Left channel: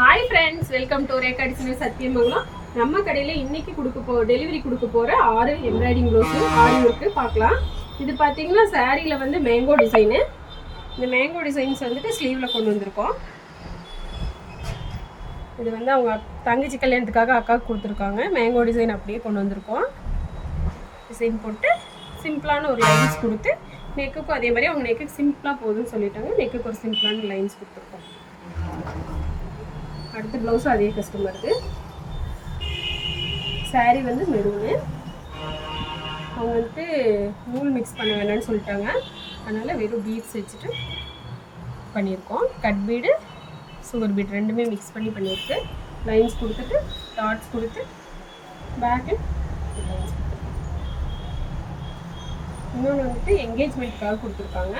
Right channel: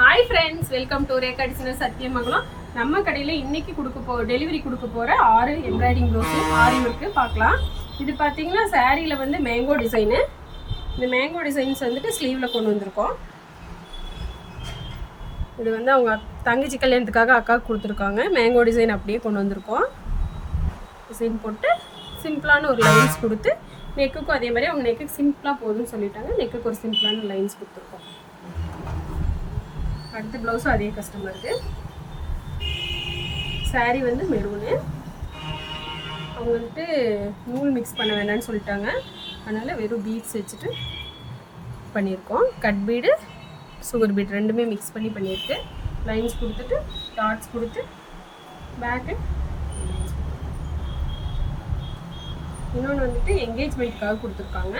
Hi friends, welcome to Rekha designer Sathyamangalam. நம்ம கடையில் இன்னைக்கு டெலிவரி கொடுக்க போகிற 6 எம்ப்ராய்டிங் ப்ளவுஸு ஆரி ஒர்க்கு பார்க்கலாம். இது பார்த்தீங்கன்னா சாரியில் வந்து மேங்கோ டிசைனு. இந்த மேங்கோ டிசைன்ஸ் வந்துட்டு ஸ்லீவில் கொண்டு வந்திருக்கோம். இது வந்து அவங்க தங்கச்சி கல்யாணத்துக்காக அக்காவுக்கு கொடுத்துருக்காங்க. மேங்கோ டிசைன் அப்படியே கொண்டு வந்திருக்கோம். டிசைன் போட்டு சிம்பிளான ஒரு லைன்ஸ் கொடுத்து நெக்குக்கும் அதே மாதிரி அவங்க நெக்குக்கு சிம்பிளாக போதும்னு சொல்லிட்டாங்க. நெக்குக்கு ஒரு சிம்பிளான லைன்ஸ் கொடுத்துருக்கோம். அடுத்த ப்ளவுஸும் அதே கஸ்டமருக்கு. சாரீ வந்து மெரூனு. அவங்க வந்துட்டு நூல் மிக்ஸ் பண்ண வேண்டாம்னு சொல்லிட்டாங்க. அதனால் வெறும் பீட்ஸ் வச்சுட்டு பண்ணியிருக்கோம். கட் பீடு, சுகர் பீட் ரெண்டுமே மிக்ஸ் பண்ணி பண்ணியிருக்கு. லைன்ஸ் கொடுத்துட்டு டாட்ஸ் கொடுத்து பேக்கு லைன்ஸ் கொடுத்துருக்கோம். இன்னொன்று வந்துட்டு என்கேஜ்மெண்ட்காக கொடுத்துருக்காங்க.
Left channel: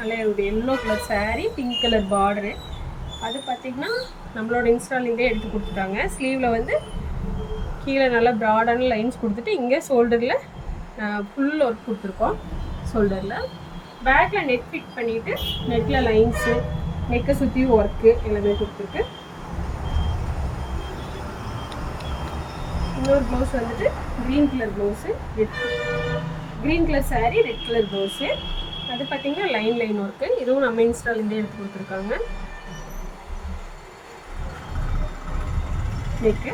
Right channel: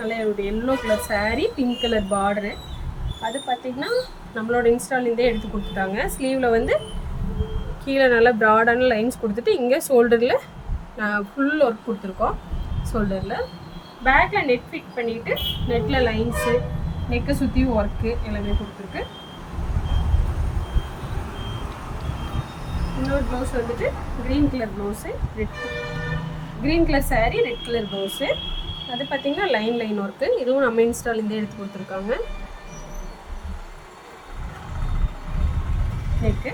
நல்லா ஒரு yellow colour sari, pink colour border. அது பார்த்திங்கன்னா நம்மளோட இன்ஸ்டாலேருந்தே எடுத்து கொடுத்துட்டாங்க. ஸ்லீவில் வந்து கீழே நல்லா ப்ராடான லைன்ஸ் கொடுத்துட்டு இங்கே ஷோல்டரில் ஃபுல் ஒர்க் கொடுத்துருக்கோம். ஷோல்டரில் பேக்கில் நெட் ஃபிட் பண்ணிவிட்டு நெட்டில் லைன்ஸு, நெக்கை சுற்றியும் ஒர்க்கு எல்லாமே கொடுத்துருக்கு. இன்னொரு ப்ளவுஸ் வந்துட்டு green colour blouse, green colour sari, red colour blouse. அது பார்த்திங்கன்னா லைன் ஒர்க்கு. இதுவும் நம்ம இன்ஸ்டாலேருந்தே எடுத்து கொடுத்துருக்காங்க. நெக்கு.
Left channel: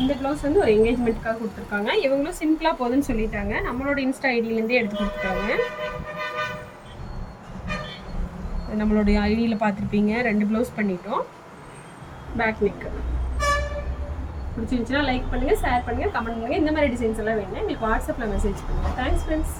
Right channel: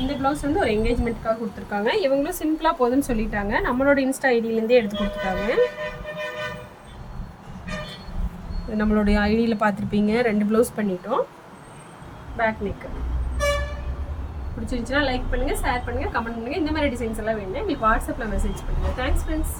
இந்த ப்ளவுஸ் வந்து ஒரு என்கேஜ்மெண்ட்டுக்காக கொடுத்துருக்காங்க. இவங்களும் சிம்பிளாக போதுன்னு சொல்லிட்டாங்க. நம்மளோட இன்ஸ்டா ஐடியிலேருந்தே எடுத்து கொடுத்துட்டாங்க. நம்மளுடைய ஐடியில் பார்த்துருப்பீங்க. 2 ப்ளவுஸ் பண்ணிட்டோம். Back neck. பிடிச்சிருந்துச்சுன்னா லைக் பண்ணுங்கள், ஷேர் பண்ணுங்கள், கமெண்ட் பண்ணுங்கள். இந்த மாதிரி டிசைன்ஸ் எல்லாம் வேணும் எங்களுக்கு வாட்ஸ்அப்பில் மெசேஜ் பண்ணுங்கள். Thanks friends.